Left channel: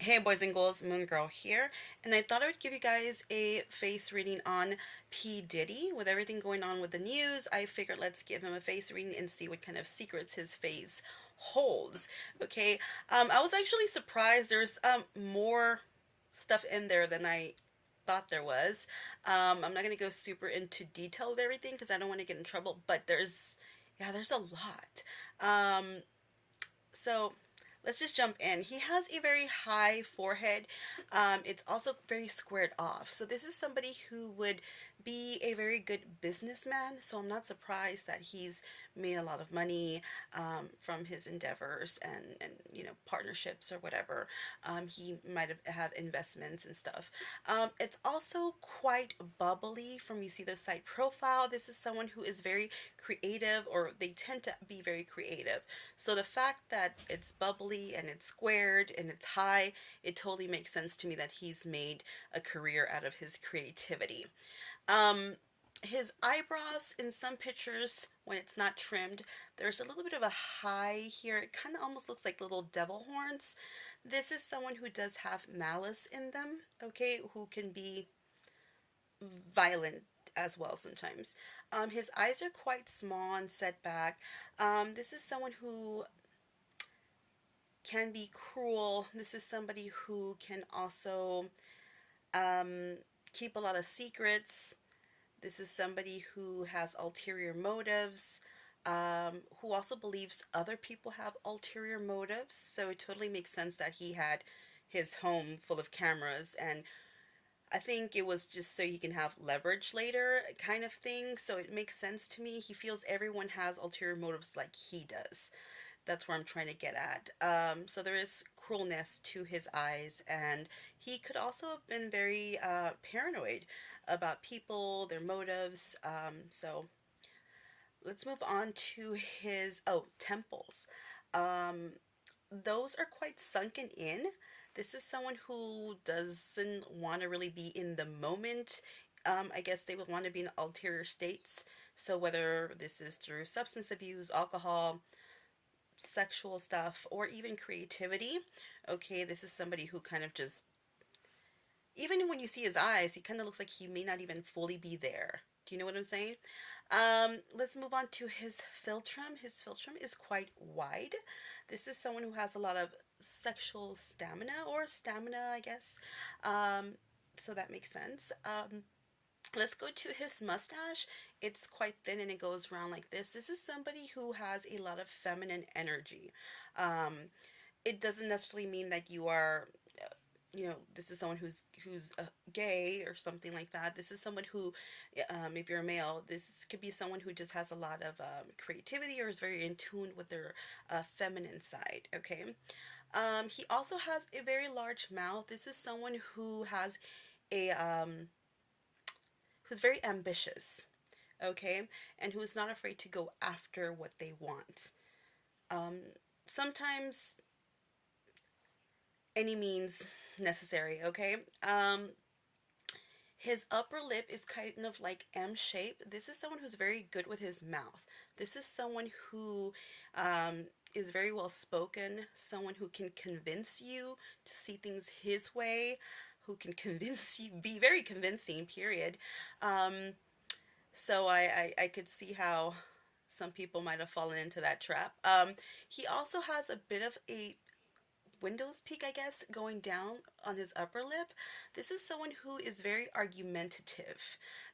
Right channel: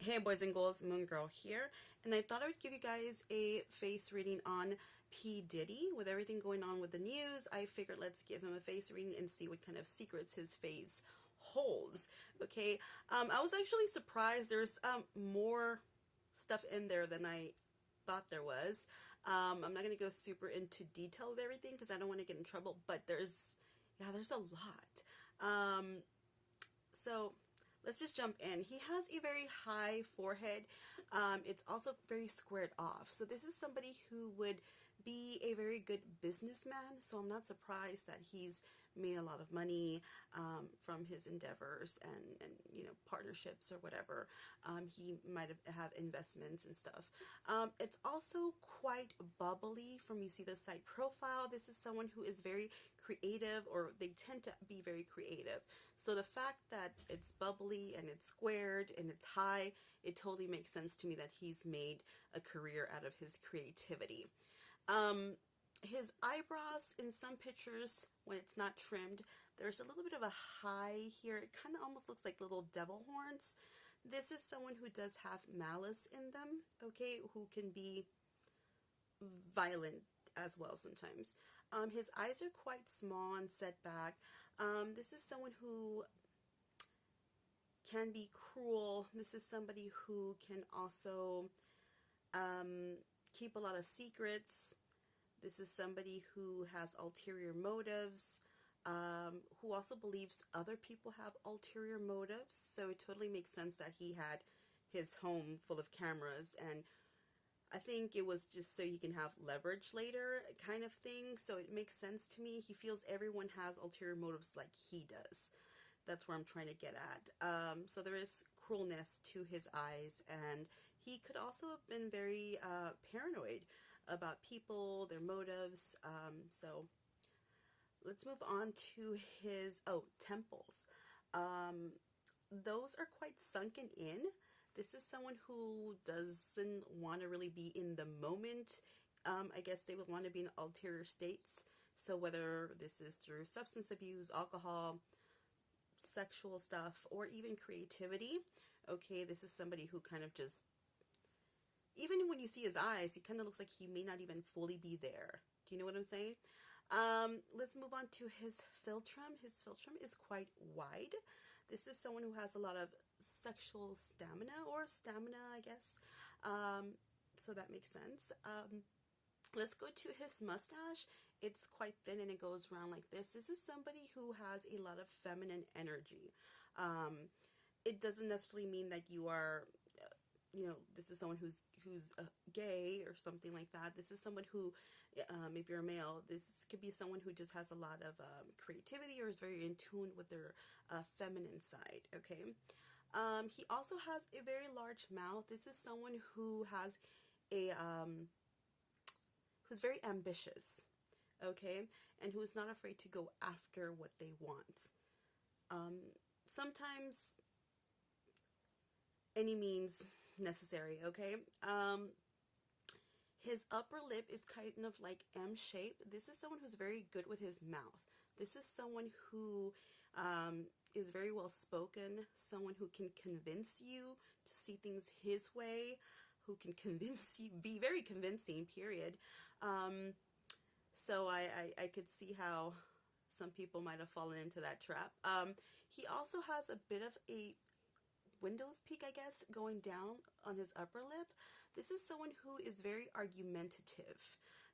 Hey boys and girls, Moon Girl here, and I thought I would give you guys a face reading on P. Diddy. With everything going on with the news, I figured let's give him a face reading and see what kind of secrets his face holds. Okay, I was actually surprised there's more stuff in there than I thought there was. I'm not gonna go super into detail with everything because I don't want to get in trouble, but there's a lot. So let's just jump in. He has a very high forehead. It's also very squared off. So this is somebody who would be a very good businessman. So I'm not surprised that he's made a lot of money from his endeavors and partnerships or whatever. He might have investments and stuff. It's also quite bubbly from you see the side profile. This is someone who is very creative, or they tend to be very creative. So the fact that it's bubbly and it's squared and it's high, it totally makes sense to me that he's made a career out of his creativity. Um, his eyebrows in some pictures, when it's not trimmed, there's a little bit of a high here. It kind of almost looks like little devil horns. This is someone who does have malice in them, okay, who can be violent as well sometimes. His eyes are quite small and set back. This is someone who can be cruel. This is somebody who can also um, keep a lot of secrets. This is somebody who has ulterior motives, who also believes other people have ulterior motives. So it totally makes sense that he had his home full of cameras, and I think it was just so he can have leverage later, kind of thing. So it makes sense to me. He feels everyone has ulterior motives like he does. That's where I'm trying to get at. So there is cruelness to his eyes, and he could also have been very paranoid about people, their motives. So let's move on to his temples. Um, those are quite sunken in. This is someone who doesn't want to really be in the moment. I guess they would want to be in ulterior states. So whether this is through substance abuse, alcohol, sexual stuff, or even creativity. Okay, this is somebody who kind of just, even when you see his eyes, he kind of looks like he may not even fully be there. Do you know what I'm saying? Let's move on to his philtrum. His philtrum is quite wide. This is someone who has a lot of sexual stamina, or stamina, I guess. Um, so that makes sense. Let's go to his mustache. It's quite thin and it goes around like this. This is somebody who has a lot of feminine energy. Um, it doesn't necessarily mean that you are, this is someone who's gay or something like that. This is someone who, if you're a male, this could be someone who just has a lot of creativity or is very in tune with their feminine side. Okay. He also has a very large mouth. This is someone who has a who's very ambitious, okay, and who is not afraid to go after what they want. Um, Sometimes any means necessary, okay? His upper lip is kind of like M shape. This is someone who's very good with his mouth. This is someone who is very well spoken, someone who can convince you to see things his way, who can convince you, be very convincing, period. Um, So I could see how some people might have fallen into that trap. He also has a bit of a widow's peak, I guess, going down on his upper lip. This is someone who is very argumentative.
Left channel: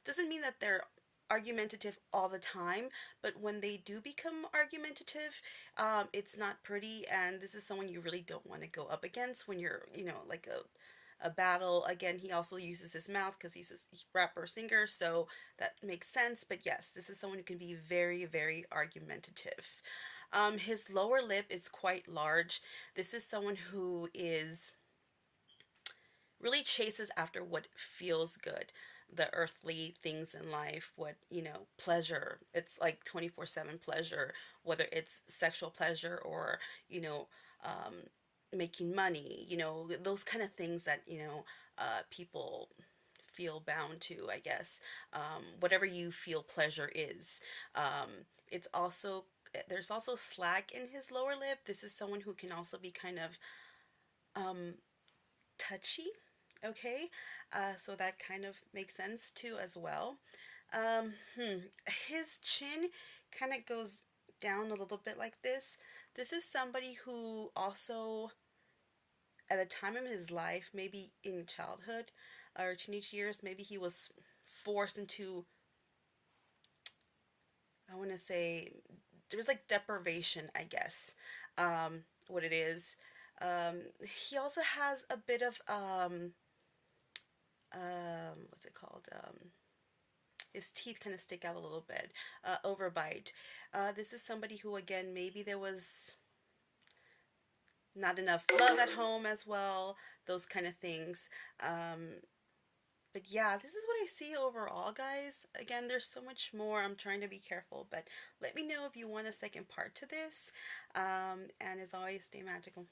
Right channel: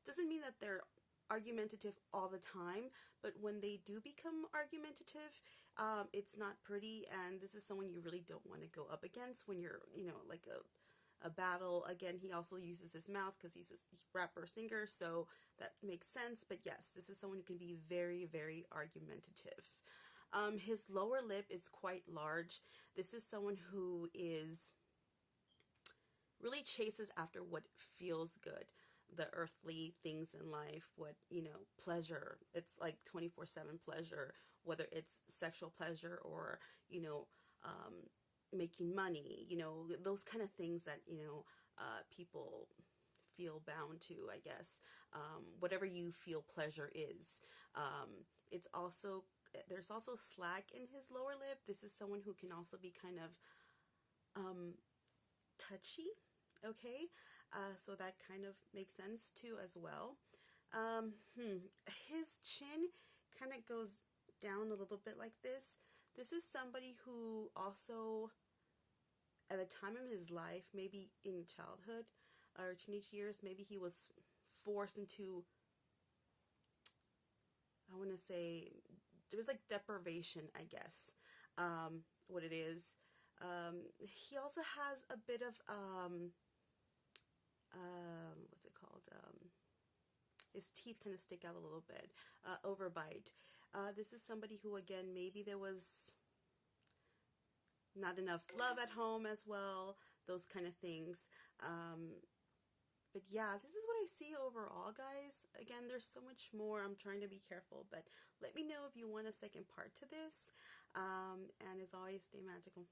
Doesn't mean that they're argumentative all the time, but when they do become argumentative, it's not pretty, and this is someone you really don't want to go up against when you're, like a battle. Again, he also uses his mouth because he's a rapper singer, so that makes sense. But yes, this is someone who can be very, very argumentative. His lower lip is quite large. This is someone who is really chases after what feels good, the earthly things in life, what, pleasure. It's like 24/7 pleasure, whether it's sexual pleasure or, you know, um, making money, those kind of things that, people feel bound to, I guess. Whatever you feel pleasure is. It's also, there's also slack in his lower lip. This is someone who can also be kind of touchy. Okay, so that kind of makes sense too as well. His chin kind of goes down a little bit like this. This is somebody who also, at a time in his life, maybe in childhood or teenage years, maybe he was forced into, I want to say, there was like deprivation, I guess, what it is. He also has a bit of, what's it called? His teeth kind of stick out a little bit, overbite. This is somebody who, again, maybe there was not enough love at home as well, those kind of things. But yeah, this is what I see overall, guys. Again, there's so much more. I'm trying to be careful, but let me know if you want a second part to this. And as always, stay magical.